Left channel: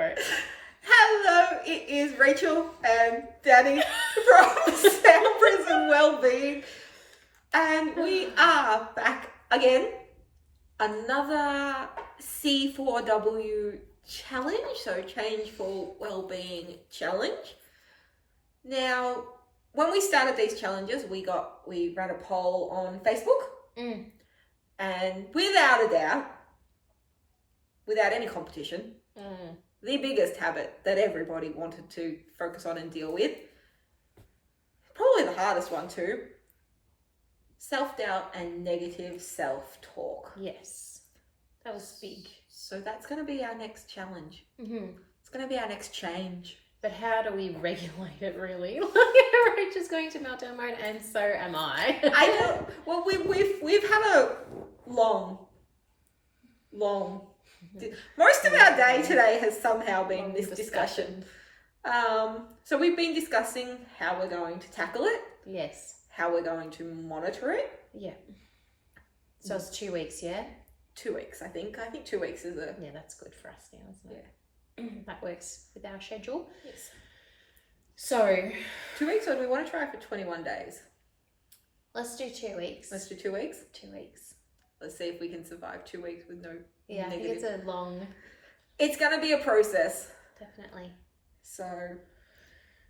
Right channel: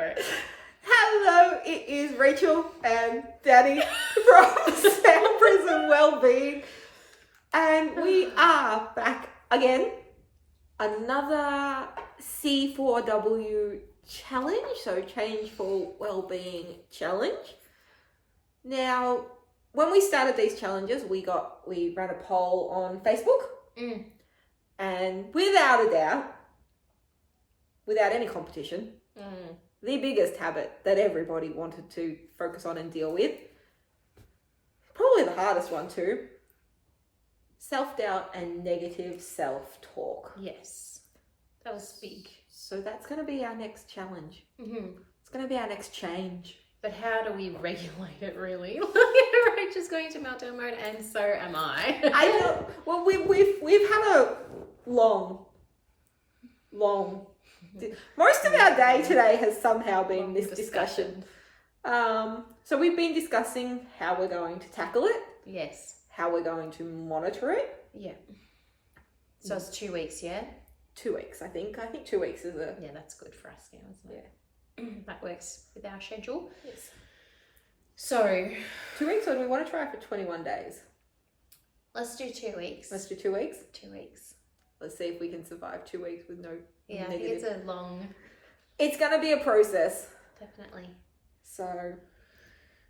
for it. Hello, it is Rachel and Danny from Sound Prison Wellbeing, and we are back again. Another C4W challenge, so Change for Wellbeing challenge. Now, when we started these challenges, we ran a poll on Facebook, and without a doubt, without any competition, the biggest habit that everybody wanted to focus on and deal with, probably the hardest one too, self-doubt and negative self-talk. Yes, that was big. So that's going to be our next challenge. It's going to be our next change. But how do we regulate it, really? Rachel's going to meltdown mode, and so am I. I know. Well, we've had a long. Most of our day today has somehow been this discussion. So we've been discussing how we're going to tackle it. Yes. How we're going to monitor it. Yeah. So it's 2 weeks, yeah? 2 weeks, I think. I think 2 weeks is a... Yeah, that's good for us now, isn't it? Yeah. That works with our schedule. Yes. So... 2 weeks, or do we want to try for 21 days? Let's do 2 weeks. Let's do 2 weeks? 2 weeks. Let's see if we can survive 2 weeks with no Yeah, negative. I think it's a long... It's going to be a process. Definitely. So,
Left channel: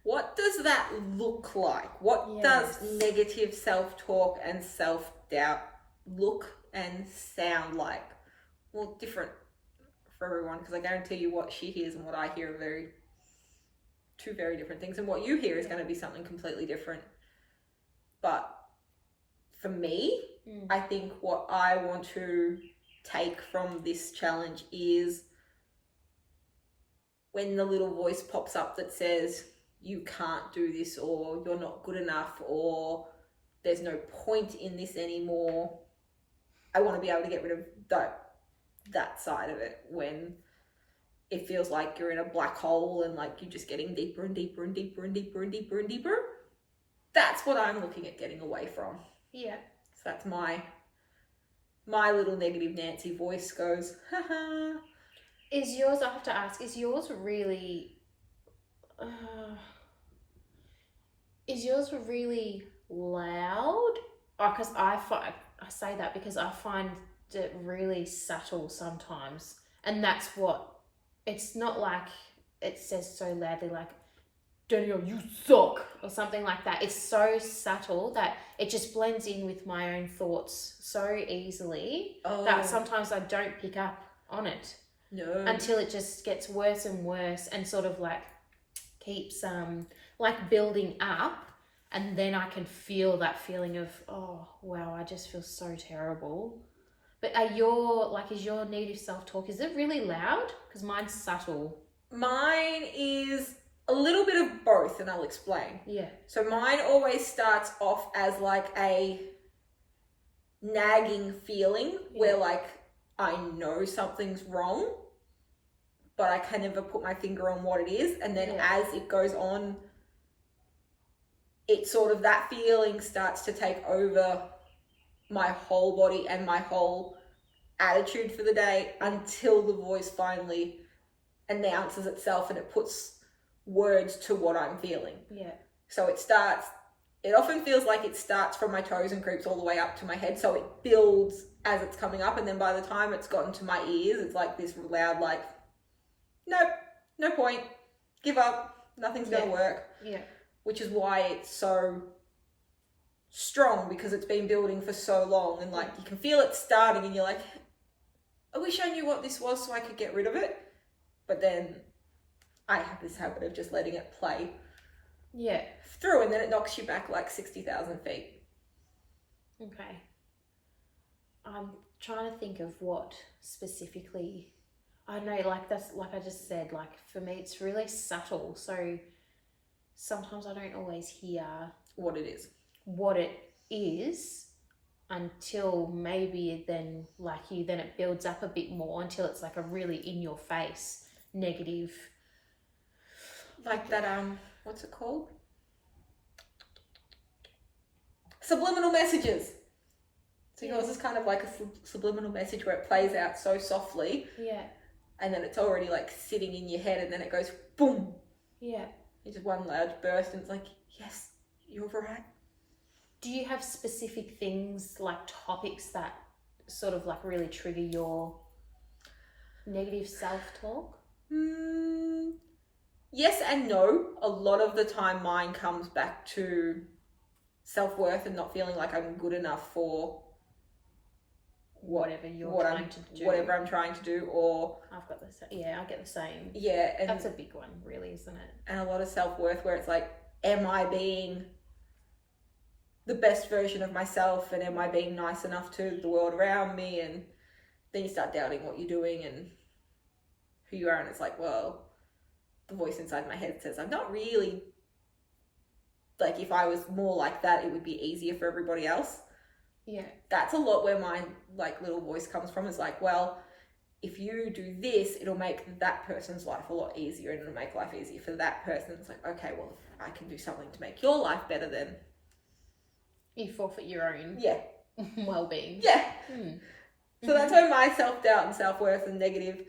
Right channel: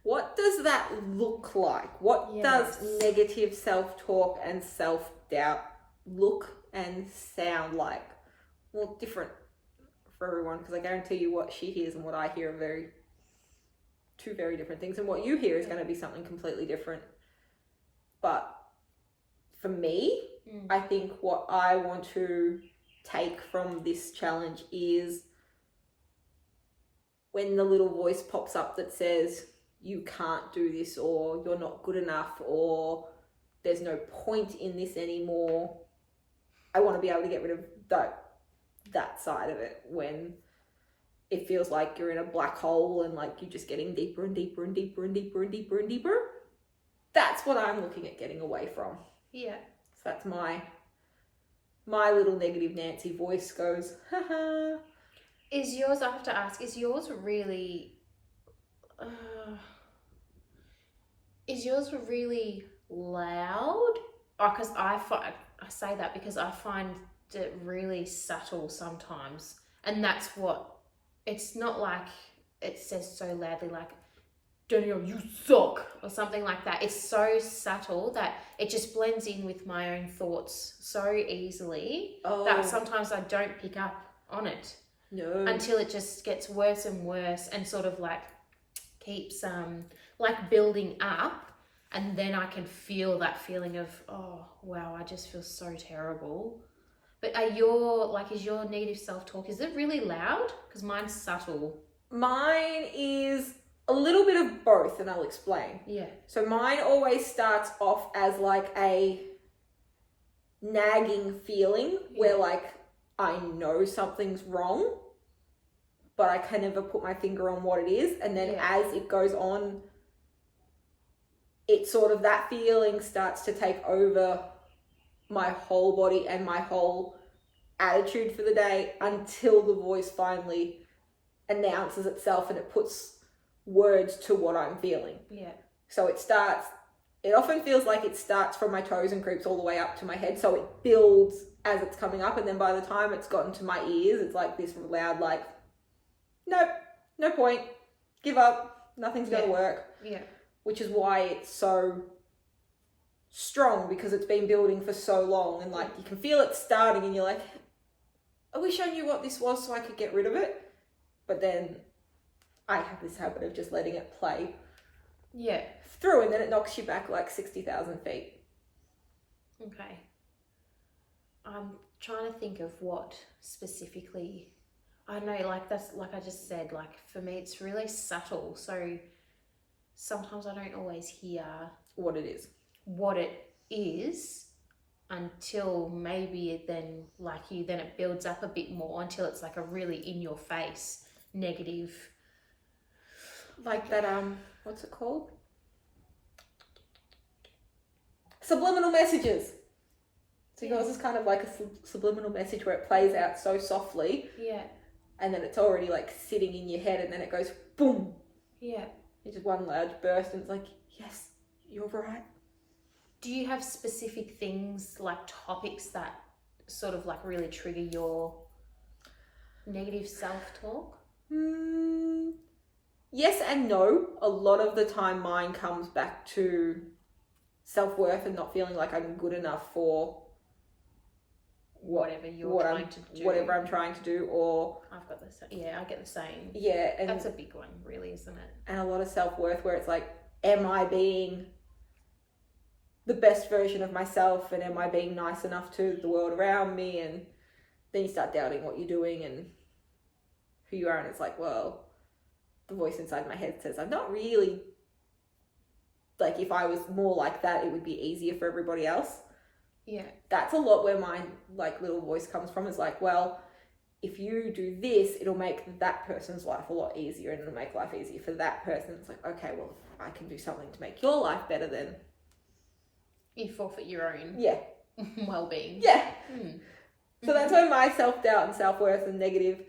what does that look like? What does negative self-talk and self-doubt look and sound like? Well, different for everyone, because I guarantee you what she hears and what I hear are two very different things, and what you hear is going to be something completely different. But for me, I think what I want to take from this challenge is when the little voice pops up that says you can't do this, or you're not good enough, or there's no point in this anymore. I want to be able to get rid of that side of it when it feels like you're in a black hole and like you're just getting deeper and deeper and deeper and deeper and deeper and deeper. That's what I'm looking at getting away from. Yeah. So that's my little negative Nancy voice goes, haha. Is yours, I have to ask, is yours really loud? Because I say that because I find it really subtle sometimes. And that's what, it's not like it says so loudly like, Danielle, you suck, or something like that. It's so subtle that it just blends in with my own thoughts so easily that sometimes I don't pick up on it. No. Until it just gets worse and worse and sort of like keeps like building up, and then I can feel that feeling of, oh wow, I just feel so terrible. But is your negative self-talk, is it really loud? Because mine's subtle. Mine is a little bit of both, and I'll explain. Yeah. So mine always starts off as like a nagging feeling where like I know something's wrong, but I can never put my finger on what it is. And then as it goes on, it sort of, that feeling starts to take over my whole body and my whole attitude for the day until the voice finally announces itself and it puts words to what I'm feeling. Yeah. So it often feels like it starts from my toes and creeps all the way up to my head. So it builds as it's coming up, and then by the time it's gotten to my ears, it's like this loud, like, nope, no point, give up, nothing's going to work. Yeah. Which is why it's so strong, because it's been building for so long, and like you can feel it starting and you're like, I wish I knew what this was so I could get rid of it. But then I have this habit of just letting it play through, and then it knocks you back like 60,000 feet. Okay. I'm trying to think of what specifically, I don't know, like that's, like I just said, like for me it's really subtle, so sometimes I don't always hear what it is until maybe then, like you, then it builds up a bit more until it's like a really in your face negative, like that what's it called, subliminal messages. So yours is kind of like a subliminal message where it plays out so softly, and then it's already like sitting in your head, and then it goes boom. Yeah. It's just one large burst, and it's like, yes, you're right. Do you have specific things, like topics that sort of like really trigger your negative self-talk? Yes and no. A lot of the time mine comes back to self-worth and not feeling like I'm good enough for whatever I'm trying to do, or I've got I get the same. Yeah, and that's a big one, really, isn't it? And a lot of self-worth where it's like, am I being the best version of myself, and am I being nice enough to the world around me? And then you start doubting what you're doing and who you are, and it's like, well, the voice inside my head says I'm not really, like, if I was more like that, it would be easier for everybody else. Yeah. That's a lot where my like little voice comes from, is like, well, if you do this, it'll make that person's life a lot easier, and it'll make life easier for that person. It's like, okay, well, if I can do something to make your life better, then you forfeit your own well-being. Yeah. So that's where my self-doubt and self-worth and negative,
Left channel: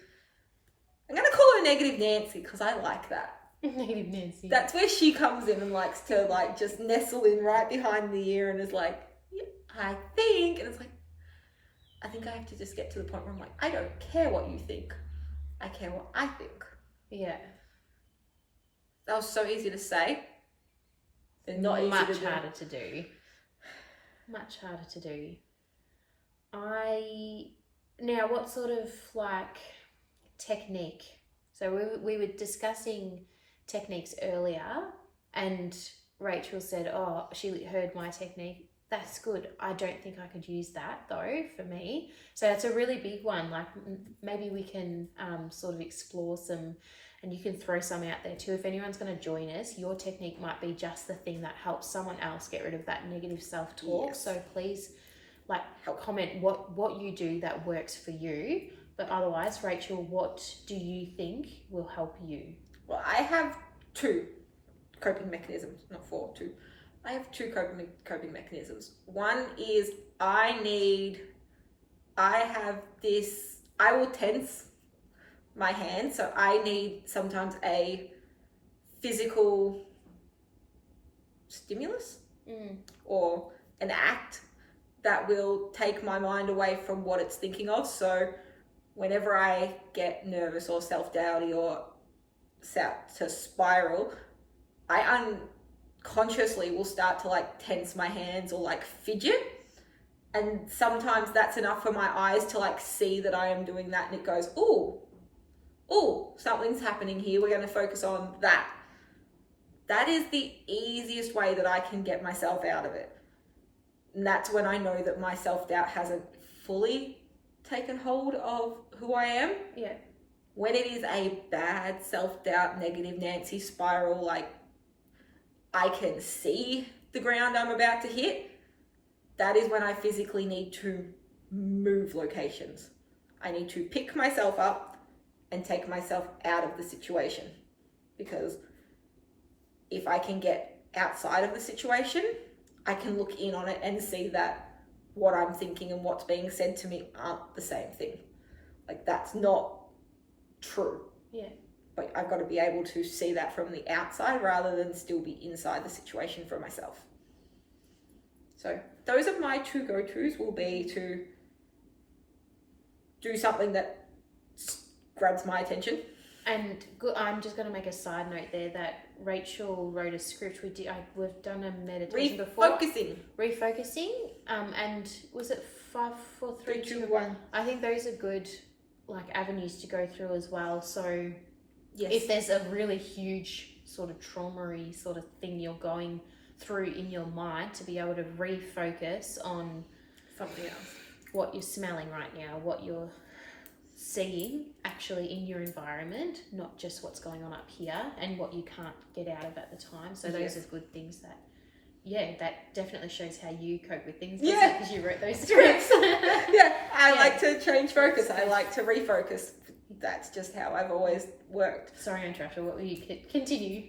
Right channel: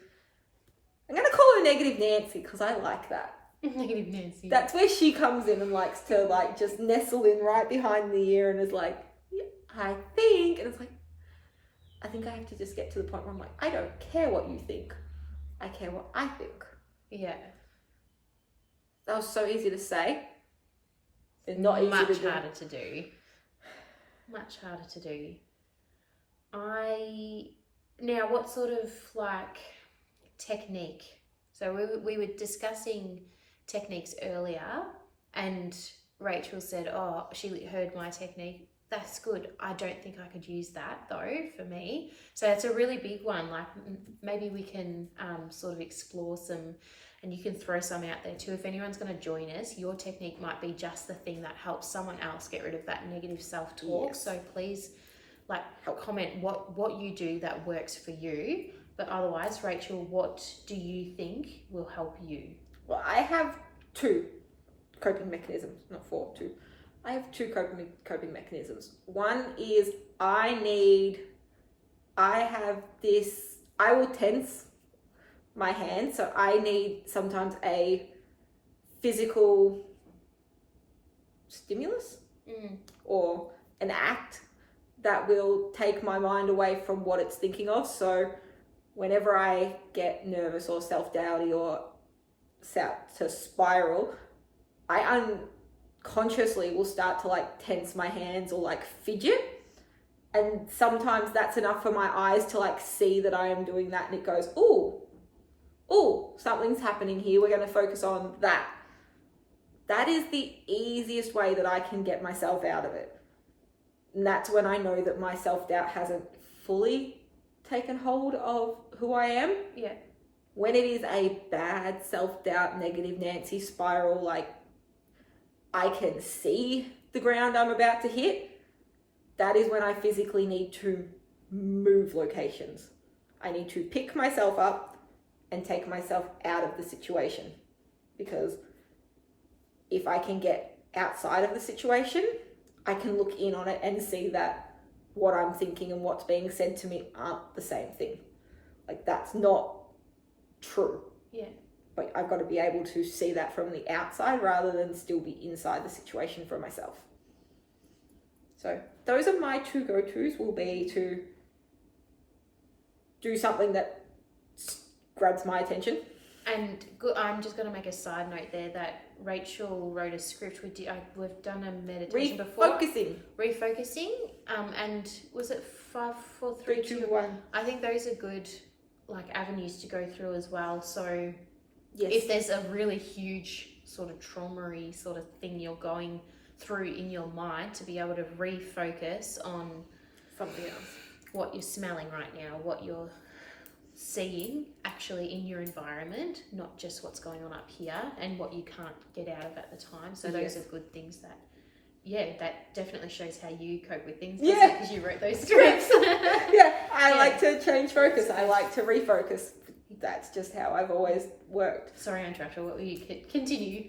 I'm going to call her Negative Nancy because I like that. Negative Nancy. That's where she comes in and likes to like just nestle in right behind the ear and is like, yeah, I think. And it's like, I think I have to just get to the point where I'm like, I don't care what you think. I care what I think. Yeah. That was so easy to say. And not easy Much to do. harder to do. Much harder to do. Now, what sort of like technique? So we were discussing techniques earlier, and Rachel said, oh, she heard my technique. That's good. I don't think I could use that though for me. So that's a really big one. Like maybe we can sort of explore some, and you can throw some out there too. If anyone's going to join us, your technique might be just the thing that helps someone else get rid of that negative self-talk. Yes. So please like comment what you do that works for you. But otherwise, Rachel, what do you think will help you? Well, I have 2 coping mechanisms, not 4, 2. I have 2 coping mechanisms. One is I will tense my hand, so I need sometimes a physical stimulus or an act that will take my mind away from what it's thinking of. So whenever I get nervous or self-doubty or start to spiral, I unconsciously will start to like tense my hands or like fidget, and sometimes that's enough for my eyes to like see that I am doing that, and it goes, ooh, something's happening here, we're going to focus on that. That is the easiest way that I can get myself out of it, and that's when I know that my self-doubt hasn't fully taken hold of who I am. Yeah. When it is a bad self-doubt, negative Nancy spiral, like I can see the ground I'm about to hit, that is when I physically need to move locations. I need to pick myself up and take myself out of the situation, because if I can get outside of the situation, I can look in on it and see that what I'm thinking and what's being said to me aren't the same thing. Like, that's not true. Yeah. But I've got to be able to see that from the outside rather than still be inside the situation for myself. So those are my 2 go-tos, will be to do something that grabs my attention. And I'm just going to make a side note there that Rachel wrote a script. We've done a meditation before. Refocusing. And was it 5, 4, 3, 2, 1? I think those are good like avenues to go through as well. So yes, if there's a really huge sort of trauma-y sort of thing you're going through in your mind, to be able to refocus on something else, what you're smelling right now, what you're seeing actually in your environment, not just what's going on up here and what you can't get out of at the time. So those are good things that, that definitely shows how you cope with things. Yeah, because you wrote those scripts. I like to change focus. I like to refocus. That's just how I've always worked. Sorry, Aunt Trasha, what will you continue?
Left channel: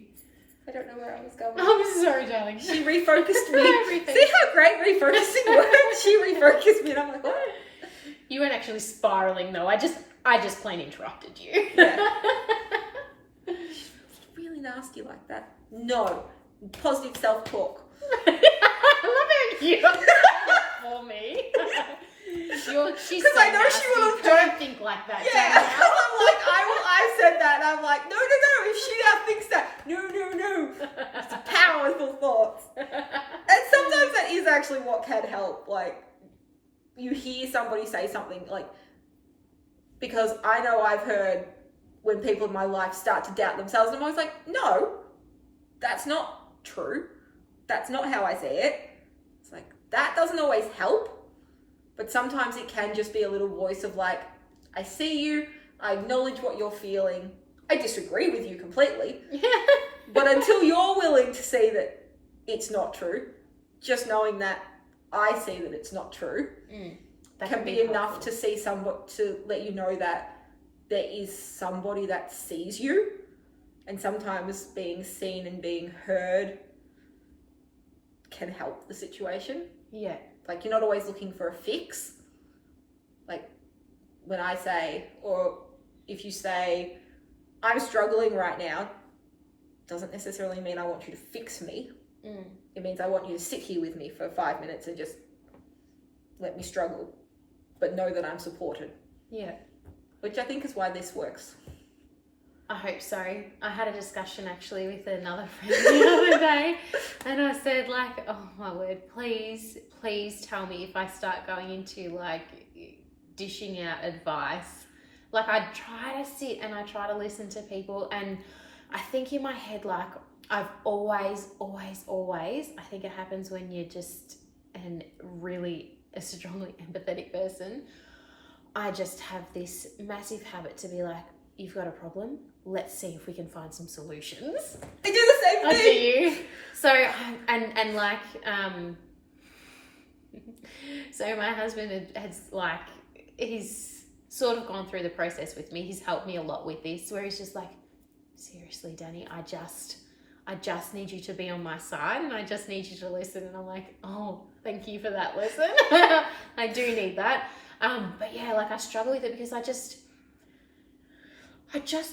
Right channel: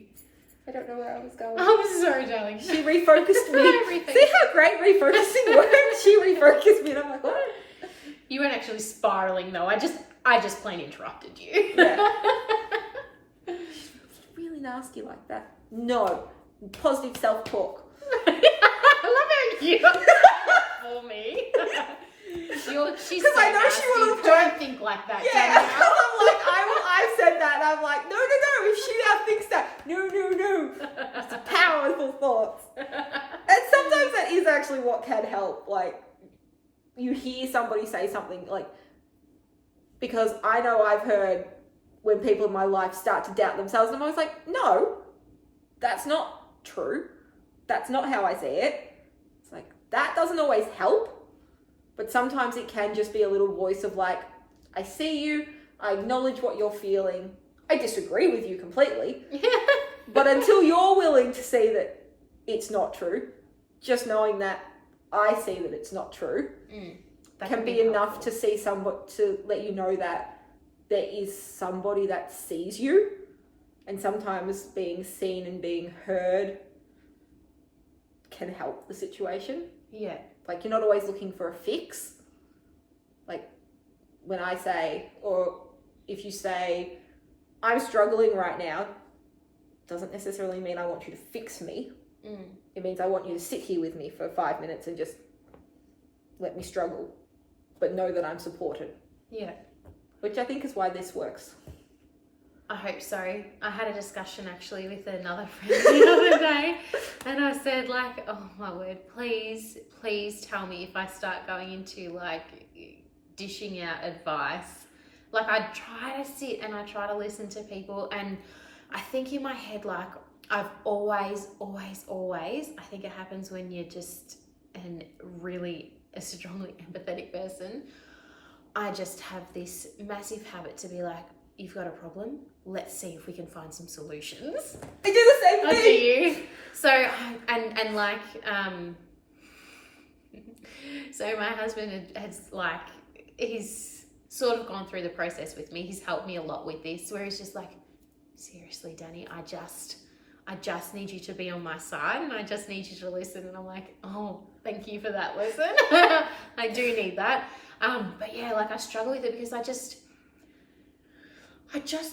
I don't know where I was going. I'm sorry, darling. She refocused me. See how great refocusing works? She refocused me and I'm like, what? You weren't actually spiraling though. I just I just plain interrupted you. Yeah. Really nasty like that. No. Positive self-talk. I love how you got that for me. She's so I know nasty. she would've Don't think like that, Yeah, Danielle. I'm like, I said that, and I'm like, no, if she thinks that, no. It's powerful thoughts. And sometimes that is actually what can help. Like, you hear somebody say something, like, because I know I've heard when people in my life start to doubt themselves, and I'm always like, no, that's not true. That's not how I see it. It's like, that doesn't always help. But sometimes it can just be a little voice of like, I see you, I acknowledge what you're feeling. I disagree with you completely. But until you're willing to see that it's not true, just knowing that I see that it's not true can be enough to see somebody, to let you know that there is somebody that sees you. And sometimes being seen and being heard can help the situation. Yeah. Like, you're not always looking for a fix. Like, when I say, or if you say, I'm struggling right now, doesn't necessarily mean I want you to fix me. It means I want you to sit here with me for 5 minutes and just let me struggle, but know that I'm supported. Yeah. Which I think is why this works. I hope so. I had a discussion actually with another friend the other day, and I said, like, oh my word, please tell me if I start going into like dishing out advice. Like, I try to sit and I try to listen to people, and I think in my head, like, I've always, I think it happens when you're just a strongly empathetic person. I just have this massive habit to be like, you've got a problem, let's see if we can find some solutions. I do the same thing. Do you? So, and like, so my husband has like, he's sort of gone through the process with me. He's helped me a lot with this, where he's just like, seriously, Danny, I just need you to be on my side, and I just need you to listen. And I'm like, oh, thank you for that lesson. I do need that. But yeah, like, I struggle with it because I just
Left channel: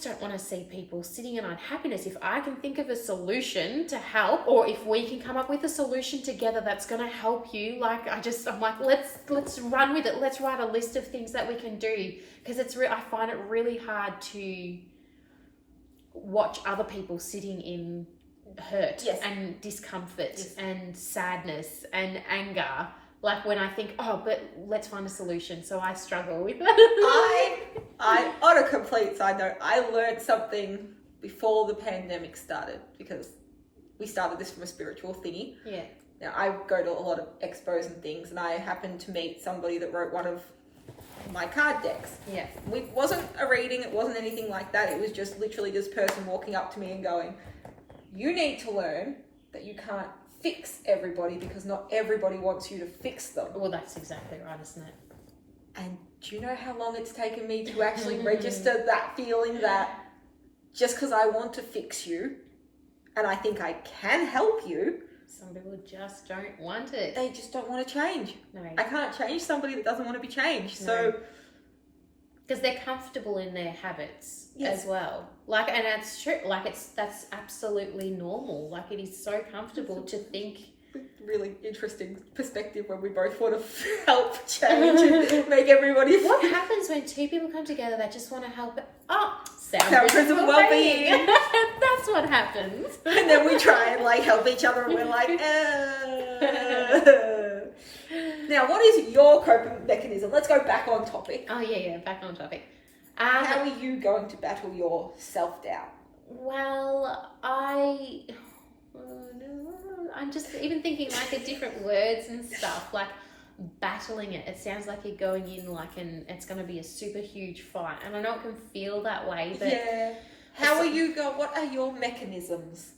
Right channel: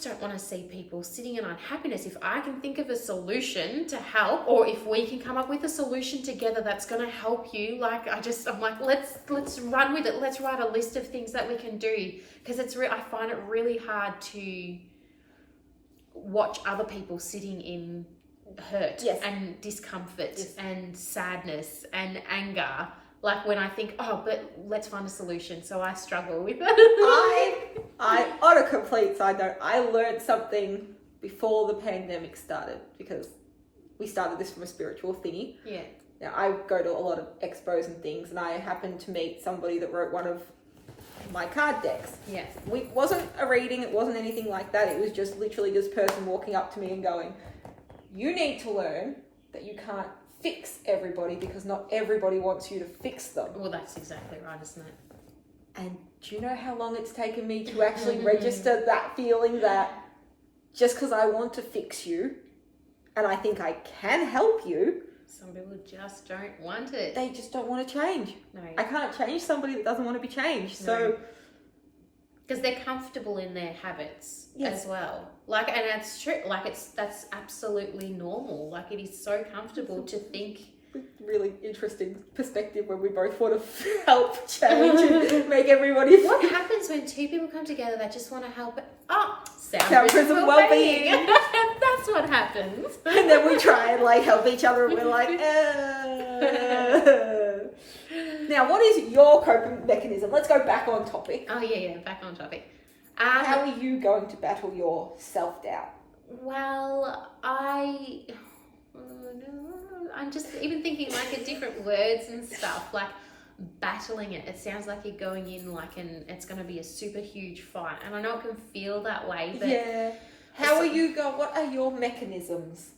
don't want to see people sitting in unhappiness. If I can think of a solution to help, or if we can come up with a solution together that's going to help you, like, I'm like, let's run with it. Let's write a list of things that we can do, because I find it really hard to watch other people sitting in hurt and discomfort and sadness and anger. Like, when I think, oh, but let's find a solution. So I struggle with it. I on a complete side note, I learned something before the pandemic started, because we started this from a spiritual thingy. Yeah. Now, I go to a lot of expos and things, and I happened to meet somebody that wrote one of my card decks. Yeah. It wasn't a reading, it wasn't anything like that. It was just literally this person walking up to me and going, you need to learn that you can't fix everybody, because not everybody wants you to fix them. Well, that's exactly right, isn't it? And do you know how long it's taken me to actually register that feeling that just because I want to fix you and I think I can help you, some people just don't want it. They just don't want to change. No. I can't change somebody that doesn't want to be changed. No. So, because they're comfortable in their habits as well. Like, and that's true. Like, that's absolutely normal. Like, it is so comfortable to think. Really interesting perspective when we both want to help change and make everybody. What happens when two people come together that just want to help? Sound and well-being. That's what happens. And then we try and like help each other, and we're like, Now, what is your coping mechanism? Let's go back on topic. Oh yeah, back on topic. How are you going to battle your self-doubt? Well, I'm just even thinking like of different words and stuff, like battling it. It sounds like you're going in like, and it's going to be a super huge fight. And I know it can feel that way, but yeah. How are you going? What are your mechanisms?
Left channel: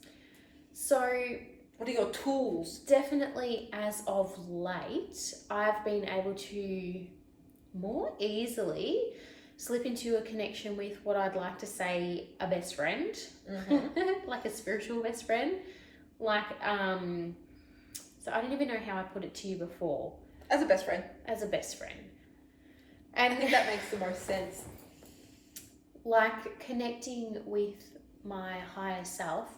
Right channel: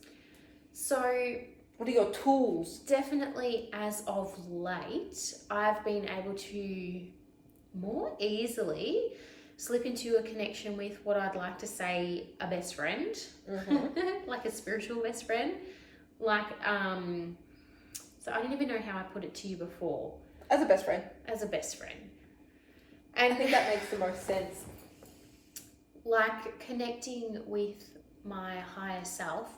So, what are your tools? Definitely, as of late, I've been able to more easily slip into a connection with what I'd like to say a best friend, like a spiritual best friend. Like, so I don't even know how I put it to you before. As a best friend. As a best friend. And I think that makes the most sense. like connecting with my higher self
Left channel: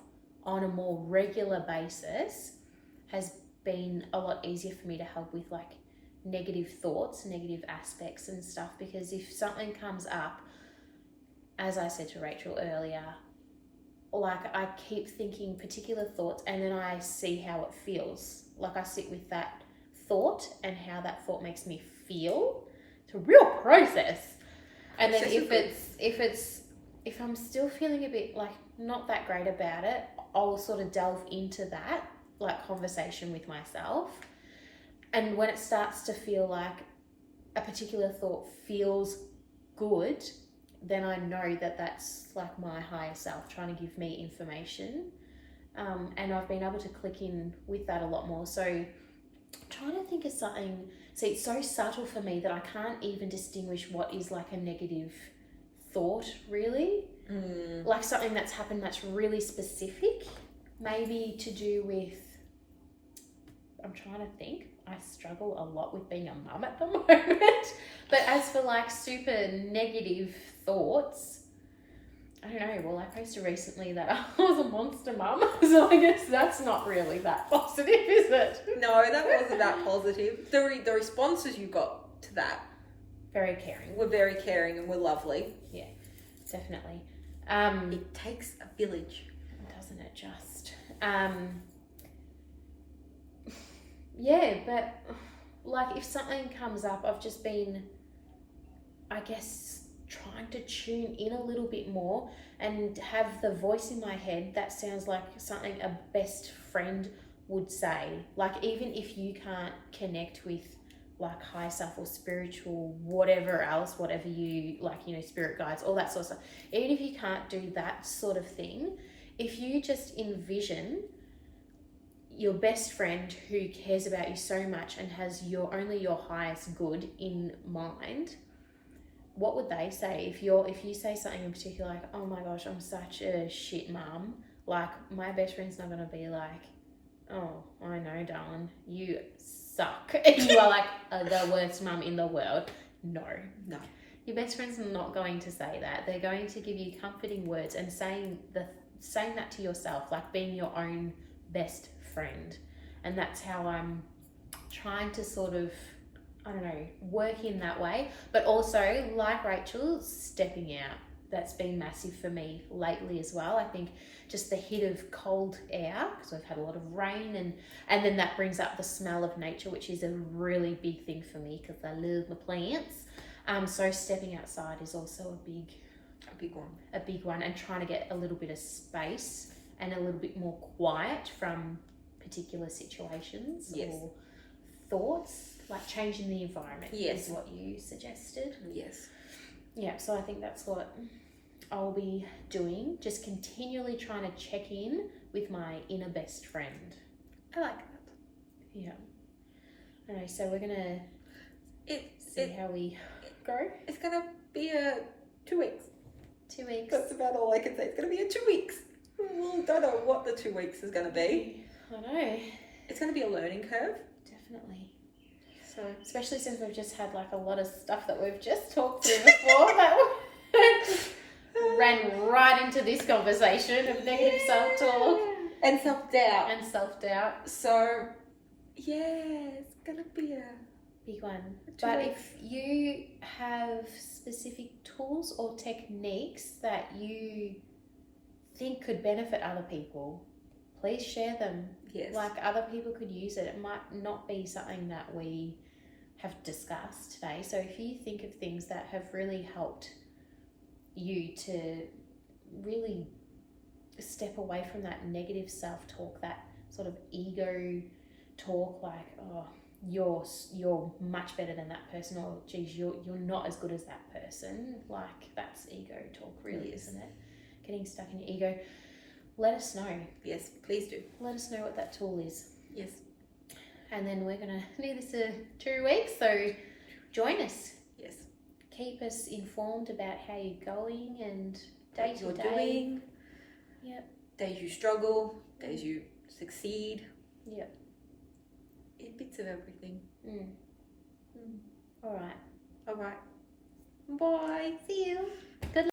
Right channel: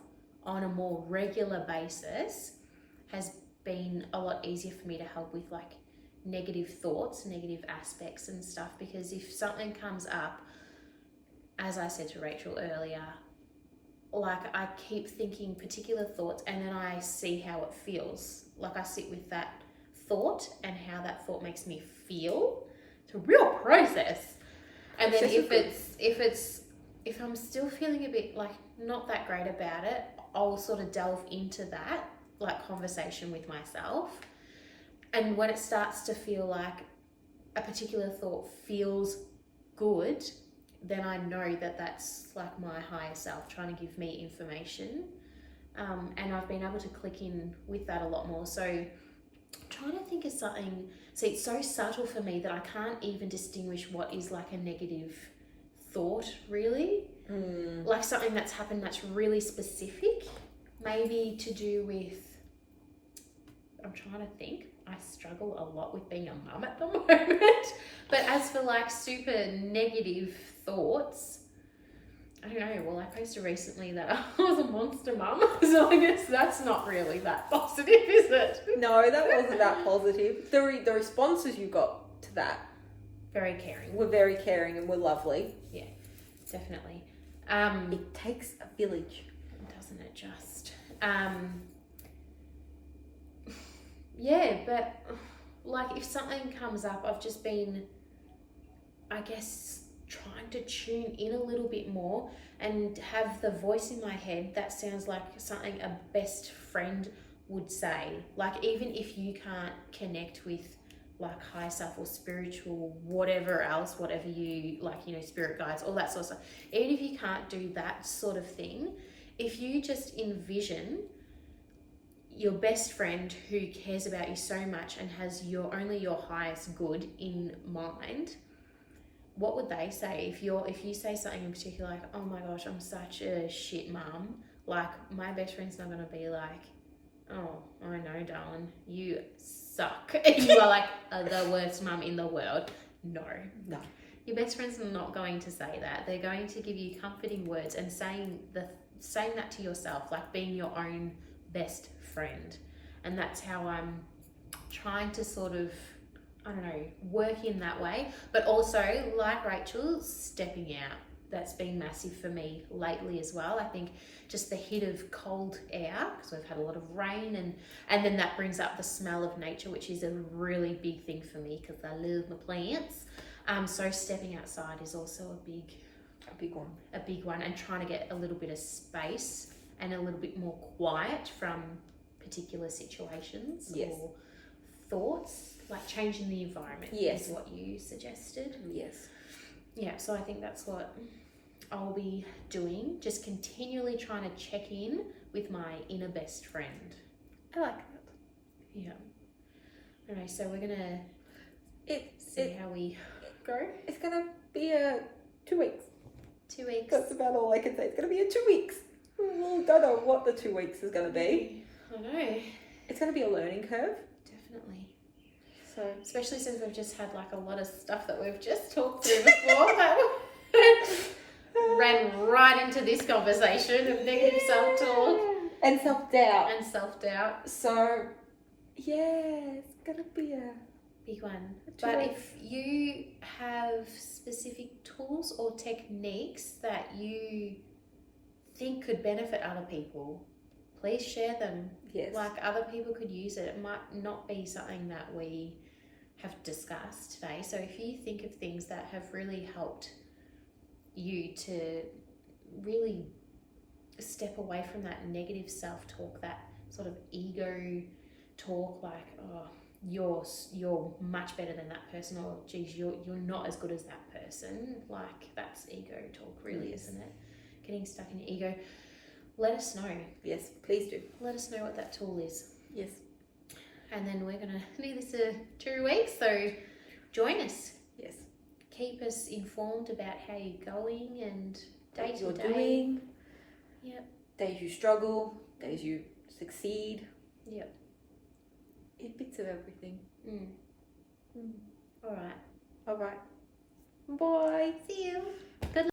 on a more regular basis has been a lot easier for me to help with like negative thoughts, negative aspects and stuff, because if something comes up, as I said to Rachel earlier, like I keep thinking particular thoughts and then I see how it feels. Like I sit with that thought and how that thought makes me feel. It's a real process. And then if I'm still feeling a bit like not that great about it, I'll sort of delve into that like conversation with myself. And when it starts to feel like a particular thought feels good, then I know that that's like my higher self trying to give me information. And I've been able to click in with that a lot more. So I'm trying to think of something. See, it's so subtle for me that I can't even distinguish what is like a negative thought, really. Like something that's happened that's really specific, maybe to do with, I'm trying to think. I struggle a lot with being a mum at the moment. But as for like super negative thoughts, I don't know. Well, I posted recently that I was a monster mum. So I guess that's not really that positive, is it? No, that wasn't that positive. The responses you got to that Very caring. were very caring and were lovely. Yeah, definitely. It takes a village. Doesn't it just? Yeah, but like if something comes up, I've just been, I guess, trying to tune in a little bit more and have the voice in my head that sounds like something a best friend would say. Like even if you can't connect with like higher self or spiritual, whatever else, whatever you like, you know, spirit guides, all that sort of stuff. Even if you can't do that sort of thing, if you just envision your best friend who cares about you so much and has only your highest good in mind, what would they say if you say something in particular like, oh my gosh, I'm such a shit mum, like my best friend's not gonna be like, oh, I know, darling, you suck. You are like the worst mum in the world. No. Your best friend's not going to say that. They're going to give you comforting words and saying that to yourself, like being your own best friend. And that's how I'm trying to sort of, I don't know, work in that way. But also, like Rachel, stepping out. That's been massive for me lately as well. I think just the hit of cold air, because we've had a lot of rain, and then that brings up the smell of nature, which is a really big thing for me because I love my plants. So stepping outside is also a big one, and trying to get a little bit of space and a little bit more quiet from particular situations or thoughts, like changing the environment is what you suggested. Yeah, so I think that's what I'll be doing, just continually trying to check in with my inner best friend. I like that. Yeah. Alright, so we're gonna see how we go. It's gonna be a 2 weeks. 2 weeks. That's about all I can say. It's gonna be a 2 weeks. We don't know what the 2 weeks is gonna be. I know. It's gonna be a learning curve. Definitely. So, especially since we've just had like a lot of stuff that we've just talked through before that ran right into this conversation of negative self-talk and self-doubt. So, it's gonna be a big one. But if you have specific tools or techniques that you think could benefit other people, please share them. Like other people could use it. It might not be something that we have discussed today. So if you think of things that have really helped you to really step away from that negative self-talk, that sort of ego talk, like, oh, you're much better than that person, or geez, you're not as good as that person, like that's ego talk, really, isn't it? Getting stuck in your ego. Let us know. Yes, please do. Let us know what that tool is. Yes. And then we're going to do this for 2 weeks, so join us. Yes. Keep us informed about how you're going and day to day. Doing. Yep. Days you struggle, days you succeed. Yep. Bits of everything. All right. Bye. See you. Good night.